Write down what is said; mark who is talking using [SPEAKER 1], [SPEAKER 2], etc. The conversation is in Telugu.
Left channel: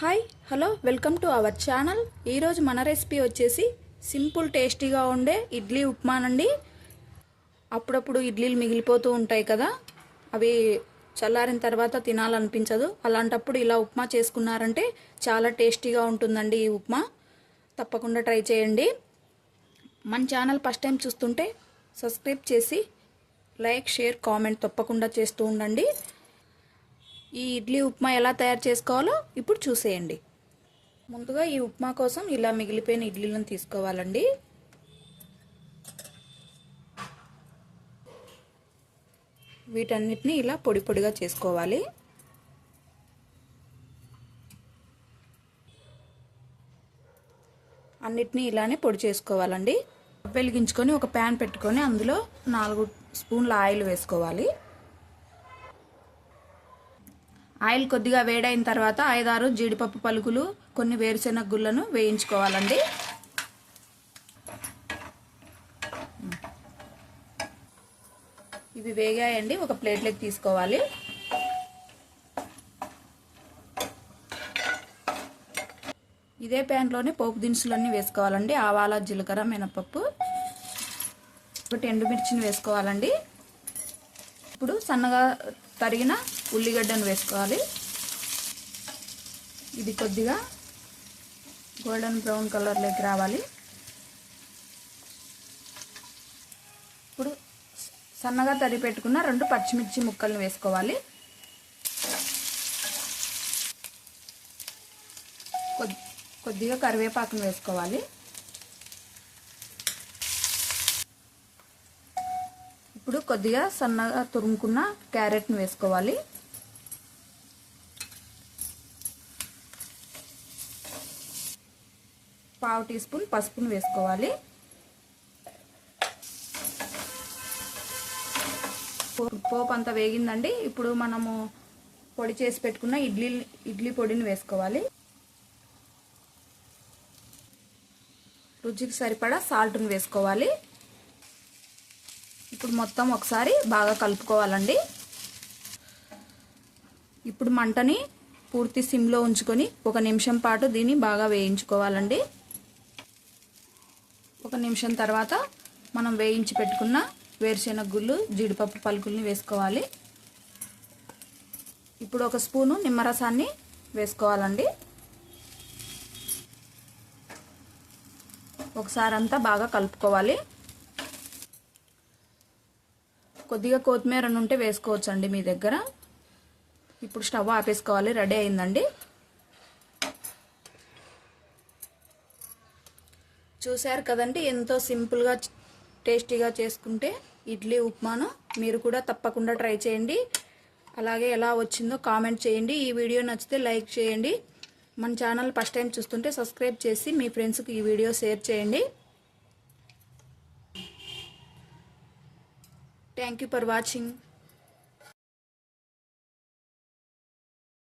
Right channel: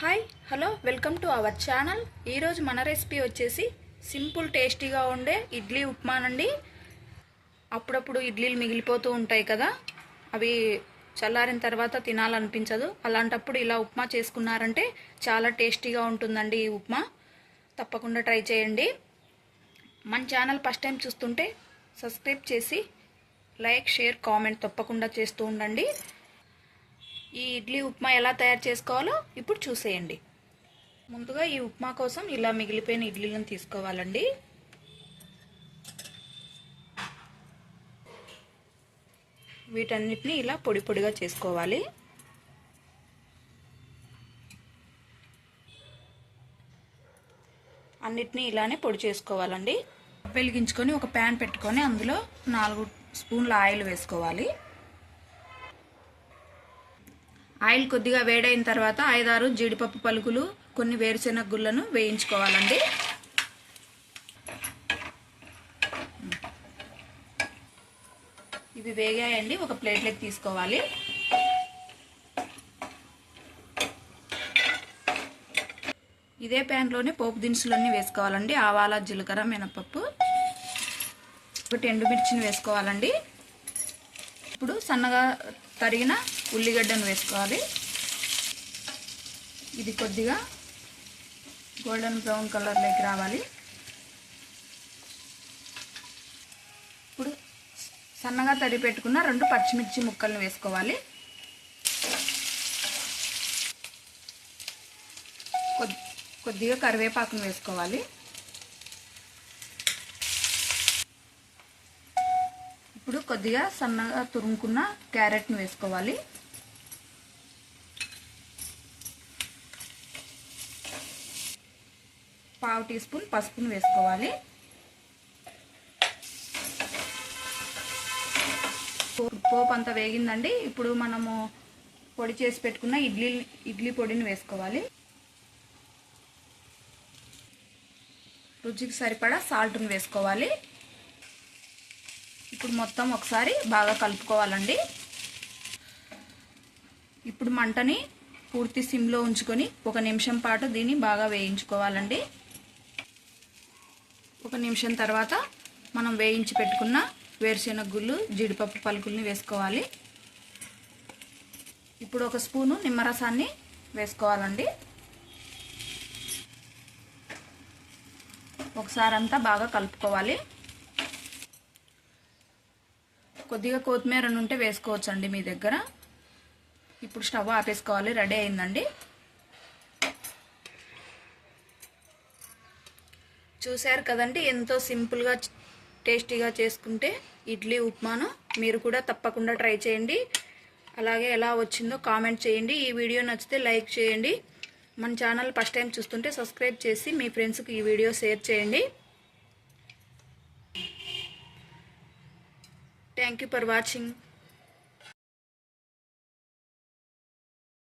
[SPEAKER 1] Hi hello welcome to our channel. ఈరోజు మన రెసిపీ వచ్చేసి సింపుల్ టేస్టీగా ఉండే ఇడ్లీ ఉప్మానండి అప్పుడప్పుడు ఇడ్లీలు మిగిలిపోతూ ఉంటాయి కదా అవి చల్లారిన తర్వాత తినాలనిపించదు. అలాంటప్పుడు ఇలా ఉప్మా చేసుకున్నారంటే చాలా టేస్టీగా ఉంటుందండి ఈ ఉప్మా. తప్పకుండా ట్రై చేయండి. మన ఛానల్ ఫస్ట్ టైం చూస్తుంటే సబ్స్క్రైబ్ చేసి లైక్ షేర్ కామెంట్ తప్పకుండా చేస్తూ ఉండండి. ఈ ఇడ్లీ ఉప్మా ఎలా తయారు చేసుకోవాలో ఇప్పుడు చూసేయండి. ముందుగా ఈ ఉప్మా కోసం ఇలా మిగిలిపోయిన ఇడ్లీలను తీసుకోవాలండి. వీటన్నిటిని ఇలా పొడి పొడిగా చేసుకోవాలి. అన్నిటినీ ఇలానే పొడి చేసుకోవాలండి. వెలిగించుకొని ఒక ప్యాన్ పెట్టుకొని అందులో నాలుగు స్పూన్ల ఆయిల్ వేసుకోవాలి. ఆయిల్ కొద్దిగా వేడైన తర్వాత ఐదారు జీడిపప్పు పలుకులు కొన్ని వేరుశెనగ గుళ్ళను వేయించుకోవాలండి. ఇవి వేగాయండి ఒక ప్లేట్లోకి తీసుకోవాలి. ఇదే ప్యాన్లోనే పోపు దినుసులన్నీ వేసుకోవాలండి ఆవాల జీలకర్ర మినపప్పు. ఒకటి ఎండుమిర్చిని వేసుకోవాలండి. ఇప్పుడు సన్నగా తరిగిన ఉల్లిగడ్డను వేసుకోవాలి. ఇది కొద్దిగా గోల్డెన్ బ్రౌన్ కలర్లోకి రావాలి. ఇప్పుడు సన్నగా తరి పెట్టుకున్న రెండు పచ్చిమిర్చి ముక్కలను వేసుకోవాలి. కొద్దిగా కరివేపాకును వేసుకోవాలి. ఇప్పుడు కొద్దిగా సన్నగా తురుముకున్న క్యారెట్ని వేసుకోవాలి. పావు టీ స్పూన్ పసుపుని వేసుకోవాలి. పోపు అంతా వేగిందండి. ఇప్పుడు మనము పొడి చేసి పెట్టుకున్న ఇడ్లీ ఇడ్లీ పొడిని వేసుకోవాలి. రుచికి సరిపడా సాల్ట్ని వేసుకోవాలి. ఇప్పుడు మొత్తం ఒకసారి బాగా కలుపుకోవాలండి. ఇప్పుడు మంటని పూర్తి సిమ్లో ఉంచుకొని ఒక నిమిషం పాటు దీన్ని బాగా వేయించుకోవాలండి. ఒక నిమిషం తర్వాత మనం వేయించి పెట్టుకున్న వేరుశెనగ గుళ్ళు జీడిపప్పు పలుకుల్ని వేసుకోవాలి. ఇప్పుడు ఒక స్పూను నిమ్మరసాన్ని వేసుకోవాలండి. ఒకసారి అంతా బాగా కలుపుకోవాలి. కొద్దిగా కొత్తిమీర ఉంటే వేసుకోవచ్చండి మీ దగ్గర. ఇప్పుడు స్టవ్ ఆపేసుకోవాలి రెడీ అయిందండి. చూశారు కదండి ఎంతో సింపుల్గా టేస్టీగా చేసుకుంటే ఇడ్లీ ఉప్మాను మీరు కూడా తప్పకుండా ట్రై చేయండి. అలాగే ఎలా వచ్చిందో కామెంట్ చేయండి. ఈ వీడియో నచ్చితే లైక్ చేయండి. మన ఛానల్ ఫస్ట్ టైం చూస్తుంటే సబ్స్క్రైబ్ చేసి మీ ఫ్రెండ్స్కి ఈ వీడియో షేర్ చేయండి. Thank you for watching